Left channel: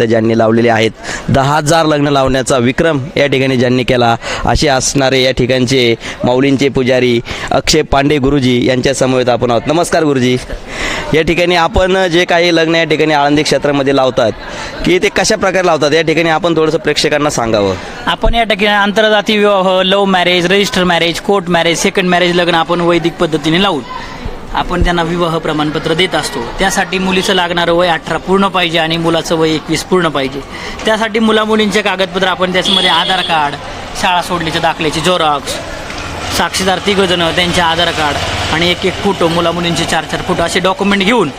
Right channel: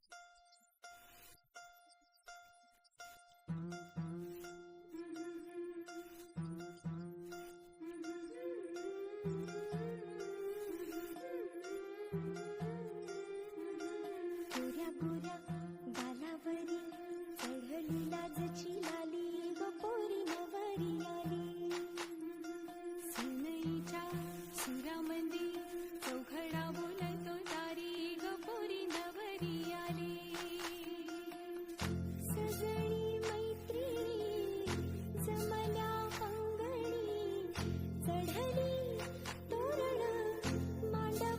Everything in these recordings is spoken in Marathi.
ज्यांनी लावलेले आहेत. दहा हजार लग्न लावण्याचा विक्रम या ठिकाणी ज्यांनी केला असे असणारे या ठिकाणचे माऊलींचे पुजारी अक्षय पांडे गुरुजी यांच्या समवेत आपण आहोत. नमस्कार गुरुजी. या ठिकाणी आपण जे काही लग्न या ठिकाणी आळंदी क्षेत्रामध्ये लावतात की ते कशा प्रकारे लावतात या ठिकाणी आपण थोडंसं प्रेक्षकांना सांगावं. आपण या ठिकाणी आंतरजातीय विवाह love marriage register marriage court marriage second marriage लग्न आपण वैदिक पद्धतीने लावू. आपण त्यांना विवाह प्रमाणपत्र देत असतो. त्यासाठी मुलीचं लागणारं वय अठरा पूर्ण पाहिजे आणि मुलाचं वय एकवीस पूर्ण पाहिजे. त्यासाठी मुला मुलींचे कागदपत्र आपण त्याच्यामध्ये आधार कार्ड शाळा सोडल्याच्या दाखल्याची झेरॉक्स साक्षीदार तिघजणं त्यांचे आधार कार्ड आणि एक एक फोटो मुला मुलींचे चार चार फोटो असे डॉक्युमेंट घेऊन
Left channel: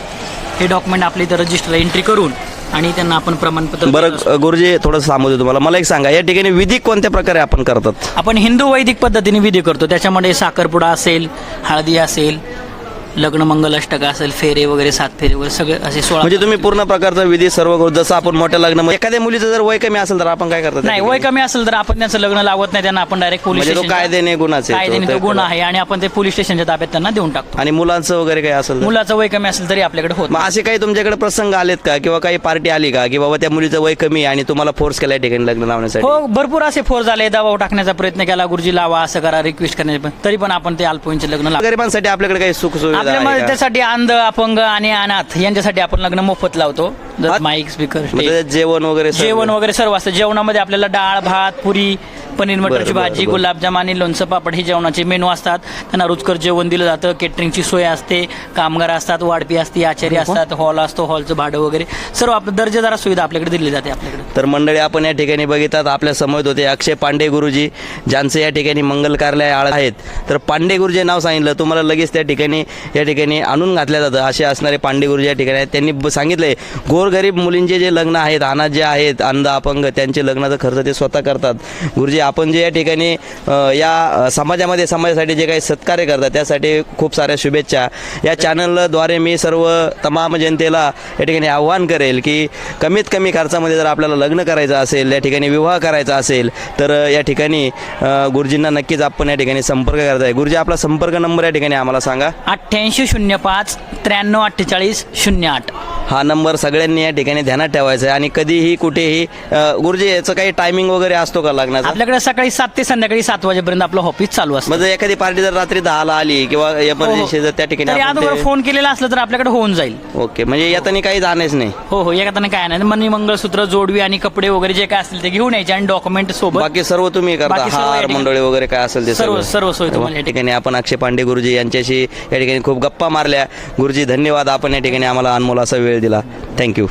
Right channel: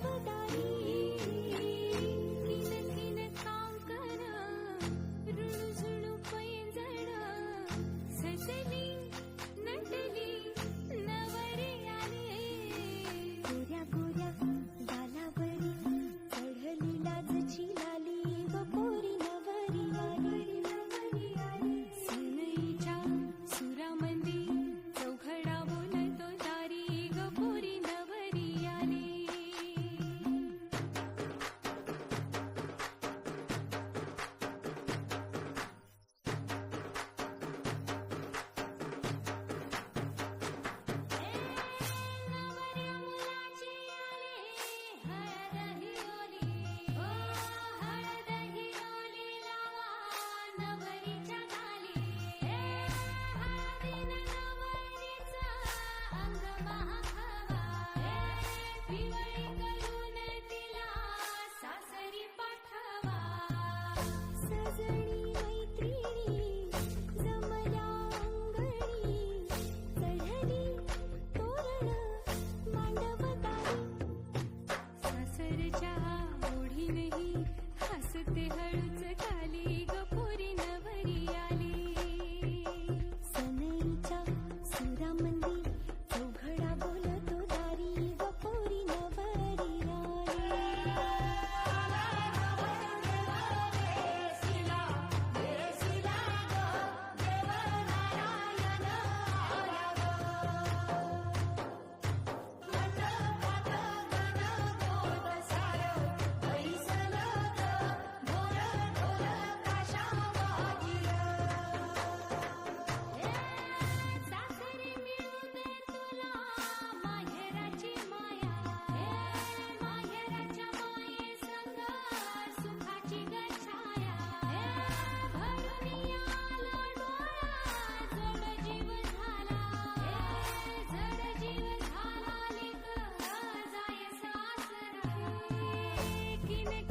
हे डॉक्युमेंट आपल्या इथं रजिस्टर एंट्री करून आणि त्यांना आपण प्रमाणपत्र. बरं गुरुजी थोडंसं सांगू तुम्हाला. मला एक सांगा या ठिकाणी विधी कोणत्या प्रकारे आपण करतात? आपण हिंदू वैदिक पद्धतीने विधी करतो. त्याच्यामध्ये साखरपुडा असेल हळदी असेल लग्न मंगल अष्टक असेल फेरे वगैरे सात फेरे वगैरे सगळे असे सोळा म्हणजे तुम्ही पूर्ण प्रकारचा विधी सर्व करू जसं आपण मोठ्या लग्न एखाद्या मुलीचं जर वय कमी असेल तर आपण काय करतात नाही वय कमी असेल तर आपण त्यांचं लग्न लावत नाही त्यांना आपण डायरेक्ट पोलीस म्हणजे तो कायद्याने गुन्हाचे कायद्याने तो गुन्हा आहे आणि आपण ते पोलीस स्टेशनच्या ताब्यात त्यांना देऊन टाकतो. आणि मुलांचं वगैरे काही असेल तर? मुलाचं वय कमी असेल तरी आपल्याकडे होत मग असे काही तुमच्याकडे प्रसंग आलेत का? किंवा काही पार्टी आली का? की बाबा त्या मुलीचं वय कमी आहे आणि तुम्हाला फोर्स केला या ठिकाणी लग्न लावण्यासाठी? हो भरपूर असे फोर झाले दबाव टाकण्याचा प्रयत्न केला गुरुजी लावा असं करा रिक्वेस्ट करण्याचे पण. तरी पण आपण ते अल्पवयीनचे लग्न लावतो गरिबांसाठी आपल्याकडे काही सुख सुविधा आपल्यामध्ये आहे का? त्यासाठी अंध अपंग आणि अनाथ यांच्यासाठी आपण लग्न मोफत लावतो? माईक स्पीकर म्हणजे जेवण वगैरे सर्व? जेवण वगैरे सर्व असतं जेवणामध्ये आपल्याला डाळ भात पुरी पनीर मटरची भाजी. गुलाबजाम आणि लोणचं पापड हे जेवणाचे मेनू असतात. त्यांना रुचकर जेवण दिलं जातं. केटरिंगची सोय असते. कामगार असतात वाढपी असते आचार्य असतात हॉल असतो हॉलचं भाडं वगैरे. सर्व आपलं दर्जेदार सुविधा आपल्याकडे दिली जाते आपल्याकडे. तर मंडळी आपण या ठिकाणी बघितात आपल्यासमोर होते अक्षय पांडे गुरुजी ज्यांचं या ठिकाणी मंगल कार्यालय आळ आहेत. तर पांडे गुरुजी नाव सांगितलं. तुम्हाला लगेच त्या ठिकाणी या ठिकाणी आणून घातल्या जातं. असे असणारे पांडे गुरुजी या ठिकाणी आहेत. त्यांनी सांगितलंय गोरगरीब मुलींचे जे लग्न आहेत अनाथ जे आहेत अंध अपंग त्यांचे लग्नाचा खर्च ते स्वतः करतात. गुरुजी आपण जे या ठिकाणी या समाजामध्ये समाजासाठी जे काही सत्कार्य करतात त्यासाठी खूप साऱ्या शुभेच्छा. या चॅनलद्वारे मी सर्व तमाम जनतेला या ठिकाणी आव्हान करेल की कमीत कमी खर्चामध्ये जर आपल्याला लग्न करायचं असेल या ठिकाणी विवाह करायचा असेल तर या ठिकाणी गुरुजींना नक्कीच आपण या ठिकाणी संपर्क करताय गुरुजी आपला संपर्क नंबर या ठिकाणी आम्हाला सांगा. अठ्ठ्याऐंशी शून्य पाच त्र्याण्णव अठ्ठेचाळीस शून्य आठ. हा नंबर सगळ्यांनी या ठिकाणी ध्यानात ठेवायचा आहे. आणि कधीही कुठेही गुरुजी याचं काही टायमिंग वगैरे असतो का लग्नाचा? आपल्याकडे सकाळी सात ते संध्याकाळी सात वाजेपर्यंत आपलं ऑफिस चालू असतं. म्हणजे एखादी पार्टी जर रात्री दहाला आली किंवा एमर्जन्सी जर त्या ठिकाणी तरी आपण अगोदर फोन केलेला असलं तर आपल्याकडे होऊन जाईल. ओके म्हणजे येताना काही जाणेच नाही. हो हो एखाद्याने काय नाही. मनी मंगळसूत्र जोडवी आणि कपडे वगैरे जे काय असतील ते घेऊन यायचे आणि डॉक्युमेंट सोबत बाकी सर्व तुम्ही करता. बाकी सर्व या हार ठिकाणी- मंडळी वगैरे काय असेल ते सर्व-. सर्व सोय तुम्हाला या या ठिकाणी आपण अक्षय पांडे गुरुजी यांच्याशी या ठिकाणी खूप गप्पा मारल्या. गुरुजी धन्यवाद. आपण या ठिकाणी आम्हाला अनमोल असा वेळ दिला थँक्यू